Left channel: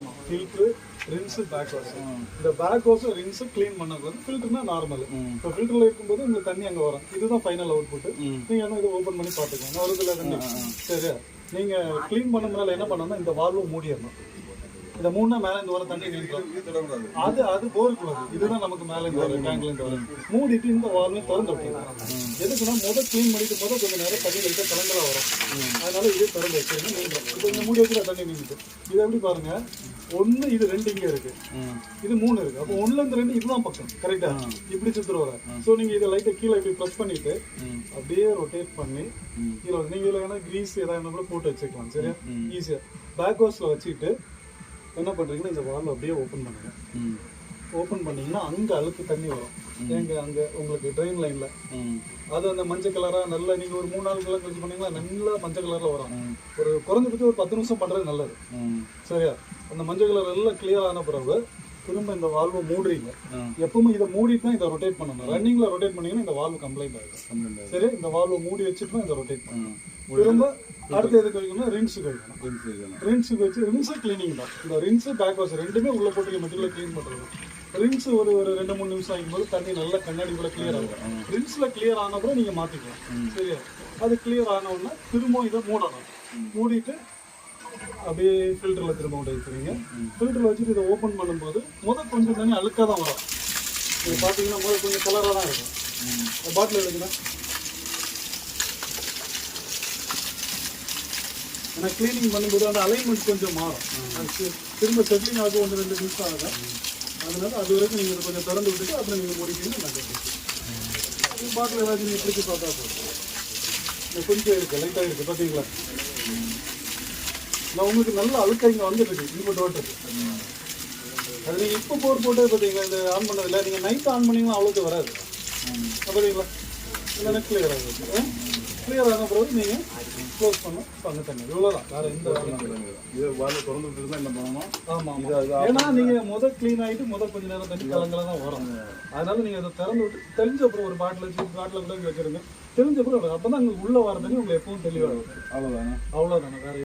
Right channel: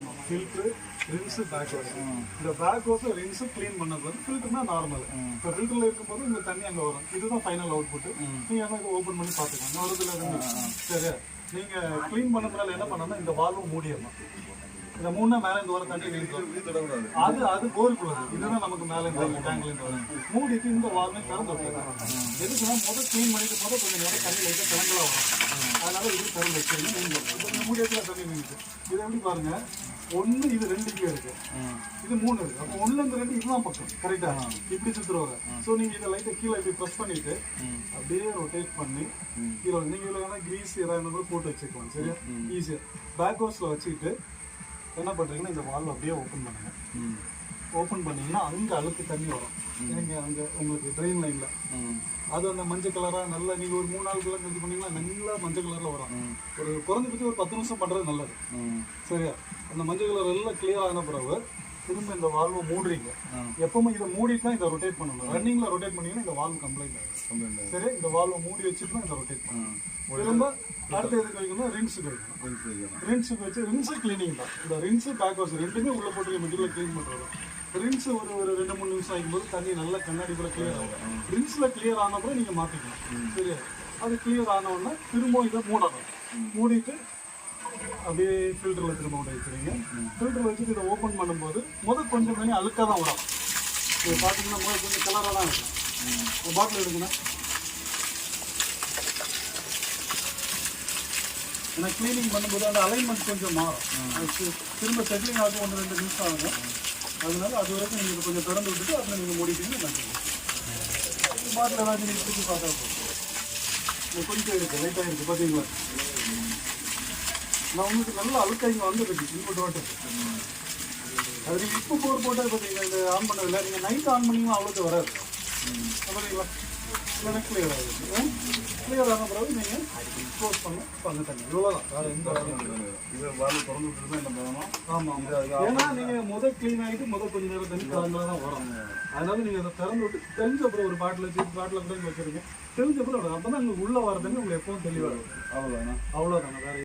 Filter rinse back wash. இந்த back wash rinse clean பண்ணது வந்து ஃபில்டர்னா நார்மல். இப்போ ஃபில்டரில் இருக்கும்போது உங்களுக்கு தண்ணி அங்கே வரும். இதுதான் ஃபைனல் அவுட் புட்டு. நீங்கள் என்ன இதை ஓப்பன் பண்ணி பார்த்துக்கோங்க. வருதுல சரியா? நீங்கள் க்ளீன் பண்ண முன்னால என்ன பண்ணணும்னா இந்த வால்வை மூடிடணும். இந்த மூணு மேலே இங்கே வர தண்ணி நீங்களும் அது போருக்குள்ளது. இதுதான் நமக்கு மேலே இங்கே வரும் டேங்க்ல இருந்து வரும். மூடிட்டு இந்த வால்வை திறந்து விட்டுருக்காங்க. எதுக்குன்னா க்ளீன் பண்ணிட்டு கொஞ்சம் நேரம் தண்ணி வைக்க கலங்களாக வரும். அதனால இதே திறந்து வச்சிருங்க நீங்களும். இப்போ இங்கே மூடி வச்சுல தண்ணி நீங்கிட்டு இதை எப்படி பாருங்க, ஒன்று இது ரெண்டு இங்கே இருக்கு, இது மூணு இருக்கு. அப்போ ஒன்றுலேருந்து ரெண்டு இதுதான் பக்கம் கரெக்டா இப்படி சுற்றுல வரும். ஸோ நீங்கள் இதை லைட்டை கீழே இப்படி ப்ரெஸ் பண்ணிட்டு அப்படியே ரொட்டேட் பண்ணி கீழே நீங்கள் இதில் வேணா கிரீஸ் ஏதாவது கூட போட்டு வச்சுக்கலாம். சரியா? ஈஸியாக பேக் வாஷில் வச்சுட்டு என்ன பண்ணுறீங்கன்னா இந்த வால்வை அப்படியே ஓப்பன் பண்ணுங்க. ஓப்பன் பண்ணிங்கன்னா அந்த அழுக்கு தண்ணி வரும் எங்க அங்கே உங்களுக்கு ட்ரெயின் லைனில். அது அந்த மஞ்சள் கலராக நல்லா நீங்கள் ஒரு 3 நாள் கலர் யூஸ் பண்ணிங்கன்னா நல்லா மஞ்சள் கலரில் வரும். ஒரு குறைஞ்சபட்சம் ஒரு 10 நிமிஷம் பண்ணுறது நல்லது. சரியா? அந்த மஞ்சள் கலர் எல்லாம் கிளியர் ஆன பிறகு திரும்ப இந்த வால்வை மூடுறீங்க. எப்பவுமே இதை மூடிட்டு தான் இதை ரொட்டேட் பண்ணணும். ரன்னிங்கில் ரொட்டேட் பண்ணிங்கன்னா இந்த வால்வு கம்ப்ளைண்ட் ஆகும். சரி, இந்த வால்வை மூடி வச்சுட்டு தான் இதை ரொட்டேட் பண்ணணும். திரும்ப அடுத்து எதுக்கு வைக்கணும்? ரின்ஸுக்கு வைக்கணும். ரின்ஸுக்கு வச்சு ரின்ஸு கிளீனிங் தான். இந்த ரின்ஸு பேக் வாஷ் ரெண்டுமே உள்ள போட்டு மெட்டீரியல் க்ளீன் பண்ணுறது. ரின்ஸ் ஒரு 2-3 நிமிஷம் ஆகும்போது தண்ணி நல்லா கண்ணாடி கூட கிளியர் ஆகும். ரின்ஸில் கிளியர் ஆனால் கூட நீங்கள் மாற்றிக்கலாம். சரியா? அது கிளியர் ஆனவுடனே திரும்ப இதை மூடணும். மூடிட்டு அப்படியே ஃபில்டரில் திரும்ப விட வச்சுருங்க. ஃபில்டரில் வச்சுட்டு இதை ஓப்பன் பண்ணும்போது கொஞ்சம் தண்ணி அழுக்காக தான் வரும். நீங்கள் பார்த்தீங்கன்னா கொஞ்சம் கலராக தான் இருக்கும். பாட்டில் எடுக்கணும். ஏன்னா க்ளீனிங் பண்ணும்போது அந்த அலைன்மெண்ட் கொஞ்சம் மாறும். திரும்ப செட்டிங் ஆக 1-2 நிமிஷம் ஆகும். அதனால அது வரைக்கும் நீங்கள் கொஞ்சம் திறந்து விட்டுட்டு அப்புறம் நீங்கள் முடிக்கணும். பாட்டில் ஏதாவது நீங்கள் திருப்பி பார்த்தா போதும். கொஞ்சம் இருக்குது, லைட்டாக இருக்குது. பார்த்தீங்களா? நான் உங்களுக்கு நல்ல அழுத்தம் இங்கே வந்துருக்கு. இது போட்டு விட்டுருக்கு. அது நீங்கள் இப்போ போட்டது பார்த்தீங்கன்னா இந்த ஆன் பண்ணதில்லை. நீங்கள் நைட் ஆன் பண்ணிங்கன்னா அவ்வளோக்கு வராது. பார்த்தீங்களா? இல்லைன்னா கிளியர் ஆகிடுச்சு. கிளியர் ஆன பிறகு நீங்கள் க்ளோஸ் பண்ண தண்ணி இவ்வளோதான். வேறு எந்த இது வாழை திறந்து விட்டு தான் என்ன பண்ணணும்? ஆமாம். ஏன்னா நீங்கள் க்ளீன் ஆகிட்டு கொஞ்சம் நேரம் தண்ணி கலந்துல தான் வரும். அதனால நீங்கள் அதை திறந்து விட்டு தெரிஞ்ச அப்புறம் ஒரு பாட்டில் கூட வச்சுருங்க. தெரிஞ்ச அப்புறம் அப்போ தான் உங்களுக்கு உள்ளே வர தண்ணி உங்களுக்கு எப்பவும் தெளிவாக இருக்கும். அவ்வளோதானே வேறு